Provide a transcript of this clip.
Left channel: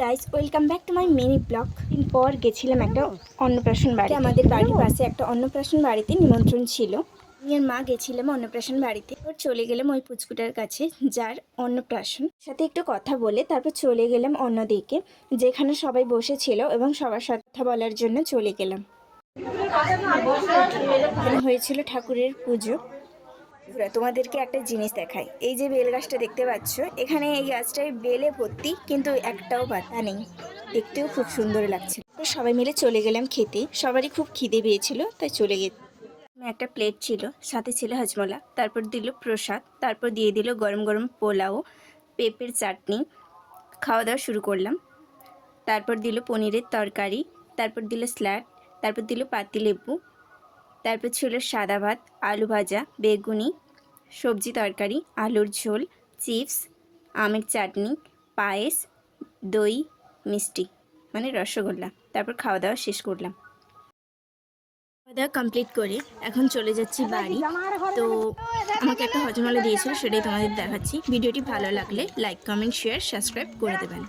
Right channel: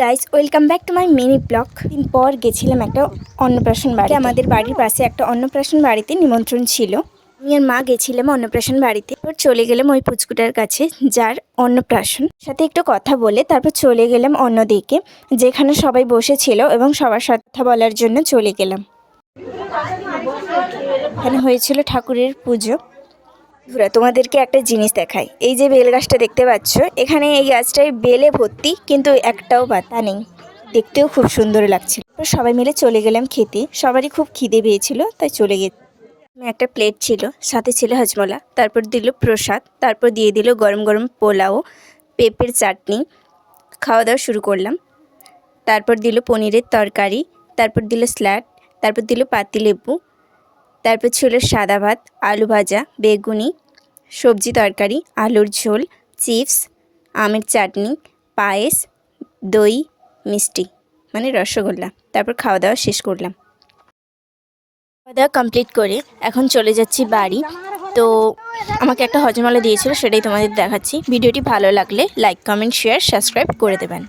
Guys, welcome back to my mini blog. দিন পর গেছিলাম একটা অন্নপ্রাশন বাড়ি। আমাদের বাড়ির পাশে একটা অন্নপ্রাশন বাড়িতে নিমন্ত্রণ ছিল। আমি আর মা গেছিলাম অন্নপ্রাশন বাড়িতে। তারপর চলে গেলাম ওই পুচকুটার কাছে যার অন্নপ্রাশন, সাথে একটু কথা বলে তারপর চলে গেলাম অন্যদিকে যেখানে সবাই বসেছিল এবং সবার সাথে কথা বলার জন্য চলে গেলাম। এখানে হয়েছিল ঠাকুরের পুজো। তোমাদেরকে একটা জিনিস দেখাই, এই যে বেল গাছটা দেখতে পাচ্ছ, এখানে এই গাছটায় বেলে ভর্তি, কিন্তু একটাও পাতা নেই। দেখতেও খুব সুন্দর লাগছিল। সবাই মিলে চলে গেলাম খেতে। সবারই খুব খিদে পেয়েছিল, তাই চলে গেছি। একটা প্লেট ছিল, সাথে ছিল হজমলা, তারপর দিল প্রসাদ, তারপর দিয়ে দিল গরম গরম পোলাও, পেঁপের চাটনি। খাওয়া দাওয়া শুরু করলাম। তারপর দিল পনিরের তরকারি, তারপর দিল স্যালাড, তারপর দিল পাতিলেবু, তারপর ছিল সাদা ভাত, আলু ভাজা, বেগুনি, সবজি তরকারি, আলুর ঝোল, চিপস, আমের চাটনি, পায়েস, দই, মিষ্টি মানে রসগোল্লা। তারপর খাওয়া দাওয়া শেষ করলাম। খাওয়া দাওয়া কমপ্লিট করে এখন চলে যাচ্ছি বাড়ি। তো আমাকে একটা হজমলা দিয়েছিল, সেটাই তোমাদের দেখাচ্ছি। ভিডিওটি ভালো লাগলে লাইক, কমেন্ট, শেয়ার, সাবস্ক্রাইব করে দেবেন।